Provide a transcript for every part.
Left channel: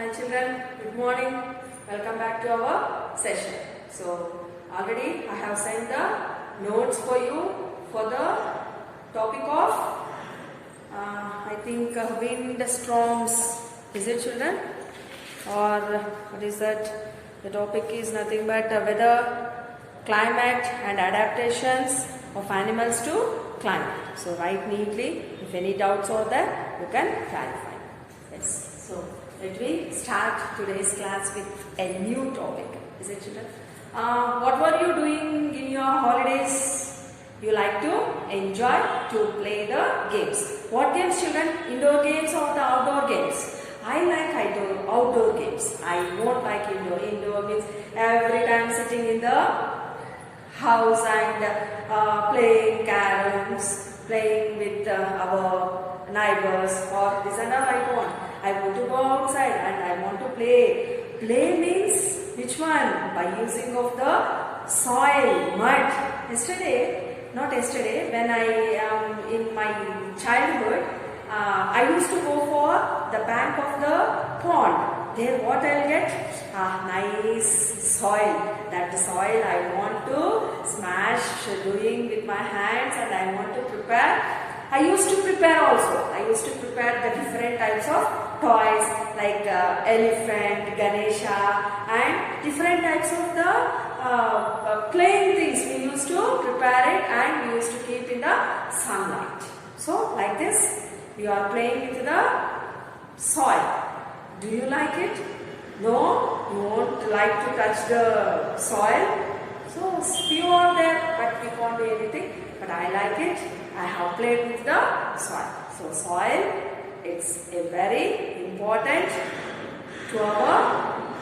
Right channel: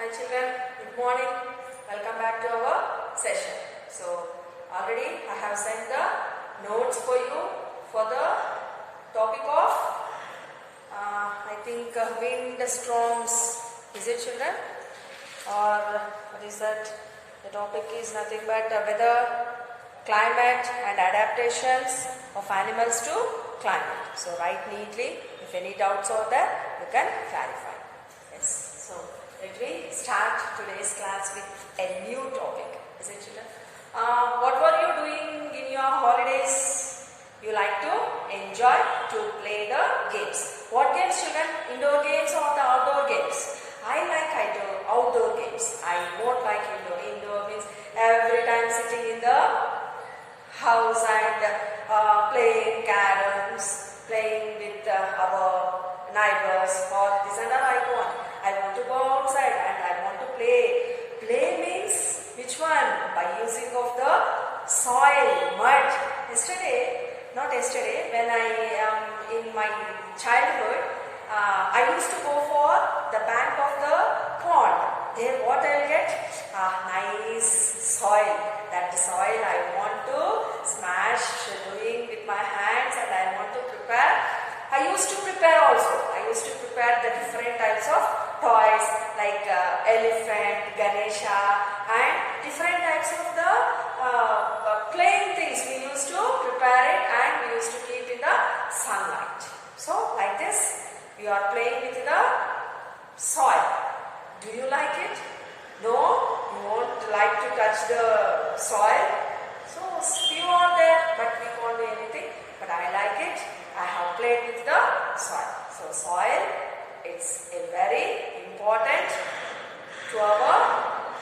Hi children, good morning. Welcome back to our session. So already I have sent the notes for you for the topic of I think wind storms. Is it children? Or what is that? The topic is nothing but weather, climate and adaptations of animals to climate. So write neatly. If any doubts are there, you can clarify. Yes. So let me start today's class with a new topic. Is it children? What were you doing in your holidays? You like to enjoy to play the games. What games children? Indoor games or the outdoor games? I like outdoor games. I won't like indoor. Indoor means every time sitting in the house and playing caroms, playing with our neighbors or this and that I want. I want to go outside and I want to play. Play means which one? By using of the soil, mud. Not yesterday, when I am in my childhood, I used to go for the bank of the pond. There what I'll get? Nice soil. That soil I want to smash doing with my hands and I want to prepare. I used to prepare also. I used to prepare the different types of toys like elephant, Ganesha and different types of the playing things. We used to prepare it and we used to keep in the sunlight. So like this, you are playing with the soil. Do you like it? No, you won't like to touch the soil. So few are there, but we can't do anything. But I like it. I have played with the soil. So soil, it's a very important to our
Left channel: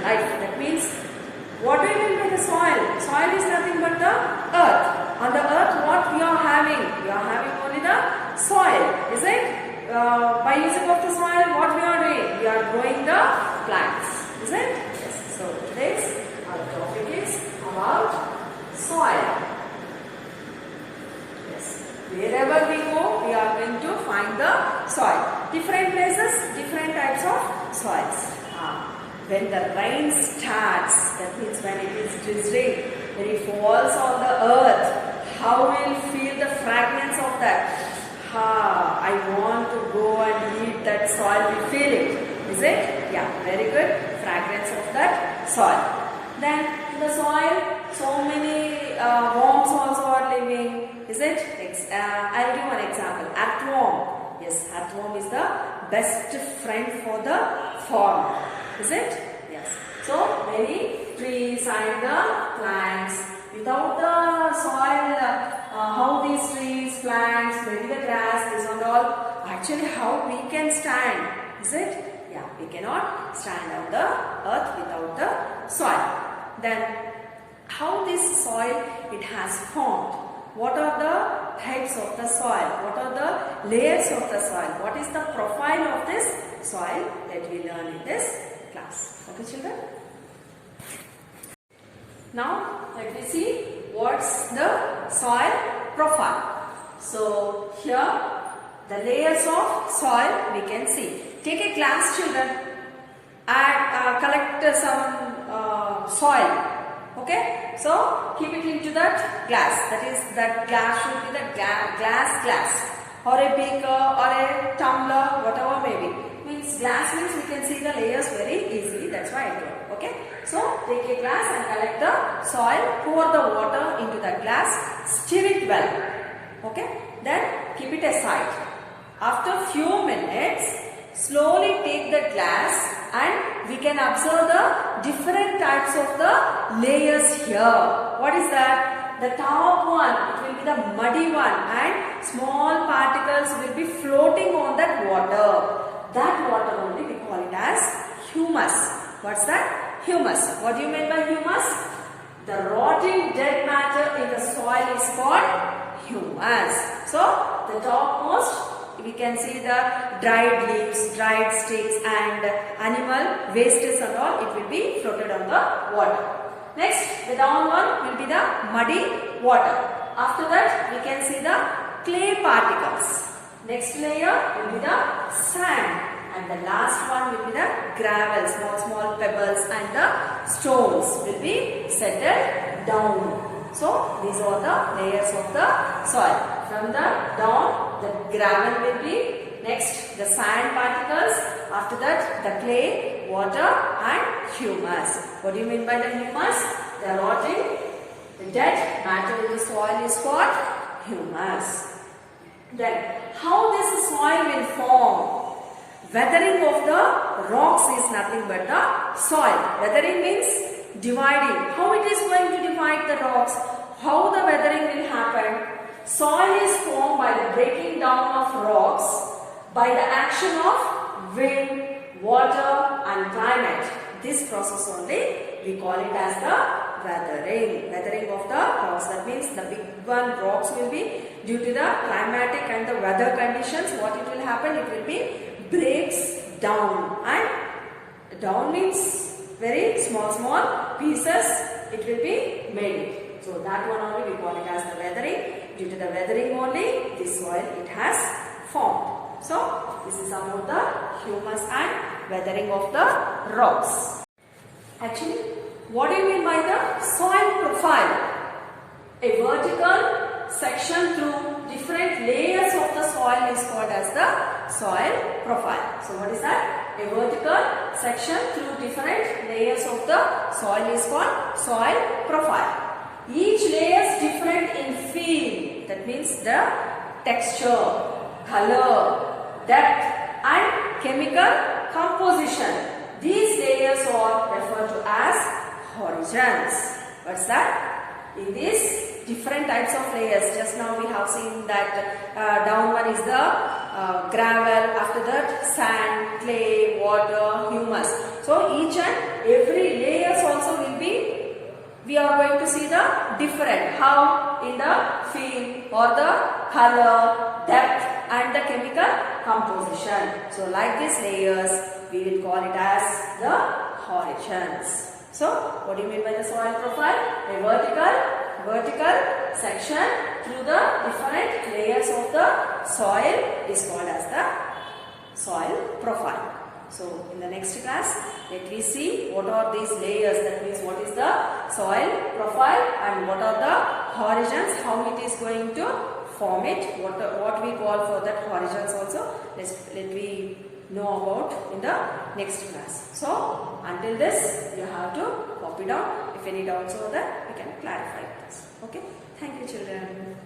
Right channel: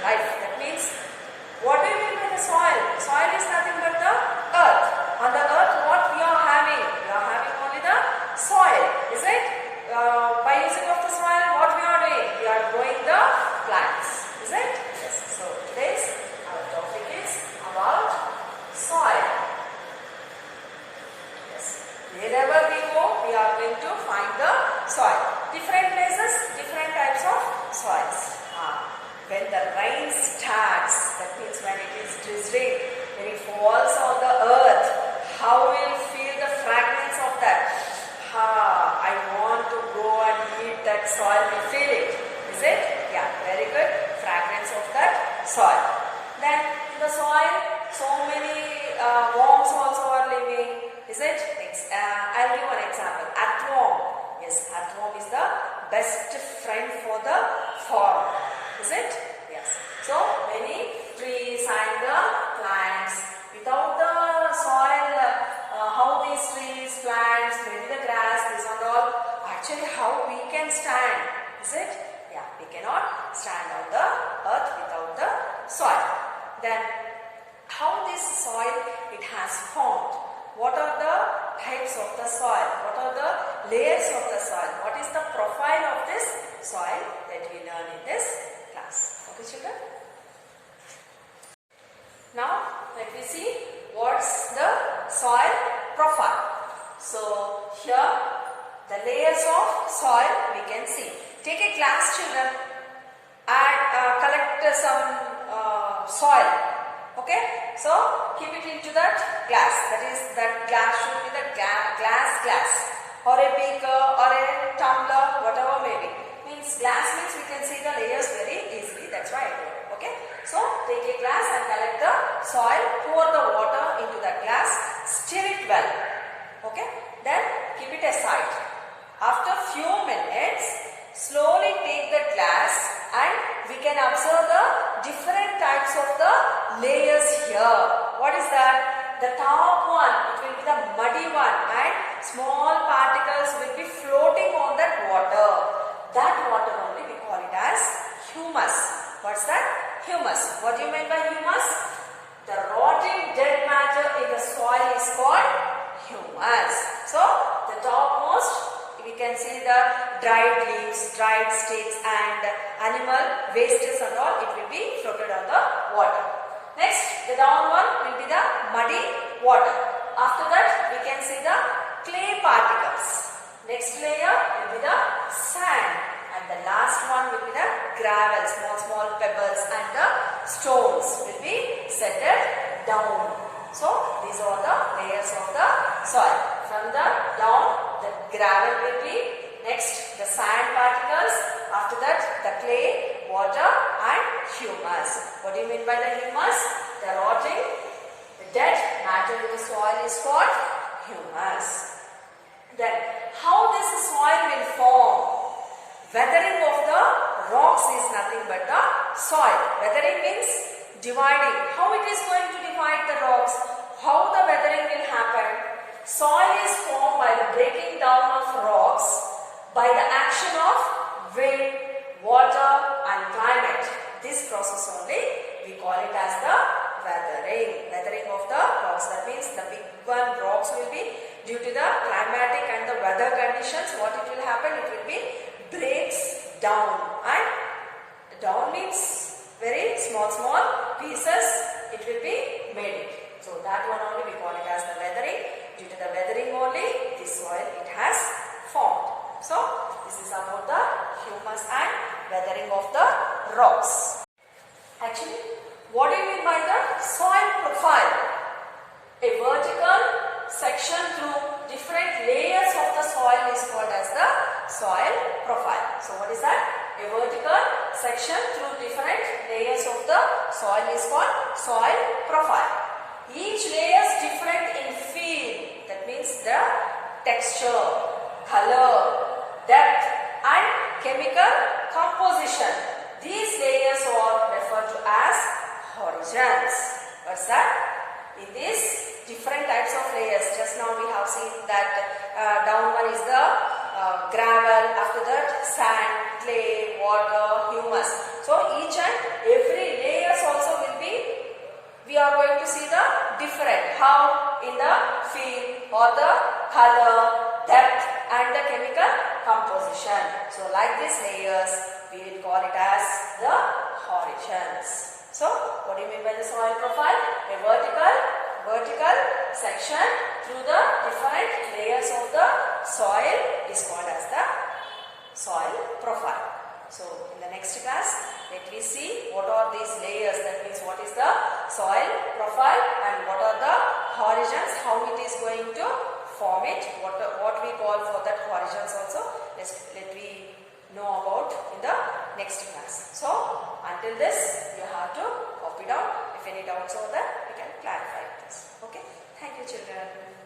life. That means, what do you mean by the soil? Soil is nothing but the earth. On the earth, what we are having? We are having only the soil. Is it? By using of the soil, what we are doing? We are growing the plants. Is it? Yes. So today's our topic is about soil. Wherever we go, we are going to find the soil. Different places, different types of soils. When the rain starts, that means when it is drizzling, when it falls on the earth, how we'll feel the fragrance of that. I want to go and eat that soil. We feel it. Is it? Yeah, very good. Fragrance of that soil. Then in the soil, so many worms also are living. Is it? I'll give an example. Earthworm. Yes, earthworm is the best friend for the farmer. Is it? Yes. So many trees and the plants. Without the soil, how these trees, plants, maybe the grass, this and all, actually how we can stand. Is it? Yeah, we cannot stand on the earth without the soil. Then how this soil it has formed? What are the types of the soil? What are the layers of the soil? What is the profile of this soil that we learn in this class? Okay children? Now let me see what's the soil profile. So here the layers of soil we can see. Take a glass children and collect some soil. Okay, so keep it into that glass. That is, that glass should be the glass or a beaker or a tumbler, whatever may be. Means glass means we can see the layers very easily. That's why I do it. Okay, so take a glass and collect the soil. Pour the water into the glass. Stir it well. Okay, then keep it aside. After few minutes, slowly take the glass and we can observe the different types of the layers here. What is that? The top one, it will be the muddy one and small particles will be floating on that water. That water only we call it as humus. What's that? Humus. What do you mean by humus? The rotting dead matter in the soil is called humus. So, the topmost we can see the dried leaves, dried sticks and animal wastes and all, it will be floated on the water. Next, the down one will be the muddy water. After that, we can see the clay particles. Next layer will be the sand and the last one will be the gravel, small pebbles and the stones will be settled down. So these are the layers of the soil. From the down, the gravel will be, next the sand particles, after that the clay, water and humus. What do you mean by the humus? The rotting, the dead matter in the soil is called humus. Then how this soil will form? Weathering of the rocks is nothing but the soil. Weathering means dividing. How it is going to divide the rocks? How the weathering will happen? Soil is formed by the breaking down of rocks by the action of wind, water and climate. This process only we call it as the weathering. Weathering of the rocks. That means the big one rocks will be due to the climatic and the weather conditions. What it will happen? It will be breaks down, and down means very small pieces it will be made. So that one only we call it as the weathering. Due to the weathering only this soil it has formed. So this is about the humus and weathering of the rocks. Actually, what do you mean by the soil profile? A vertical section through different layers of the soil is called as the soil profile. So what is that? A vertical section through different layers of the soil is called soil profile. Each layer is different in feel. That means the texture, color, depth and chemical composition. These layers are referred to as horizons. What's that? In these different types of layers, just now we have seen that down one is the gravel, after that sand, clay, water, humus. So each and every layers also will be, we are going to see the different, how in the feel or the color, depth and the chemical composition. So like these layers we will call it as the horizons. So what do you mean by the soil profile? A vertical section through the different layers of the soil is called as the soil profile. So in the next class, let me see what are these layers. That means what is the soil profile and what are the horizons, how it is going to form it, what we call for that horizons also. Let me know about in the next class. So until this you have to copy down. If any doubts over there, we can clarify this. Okay. Thank you children.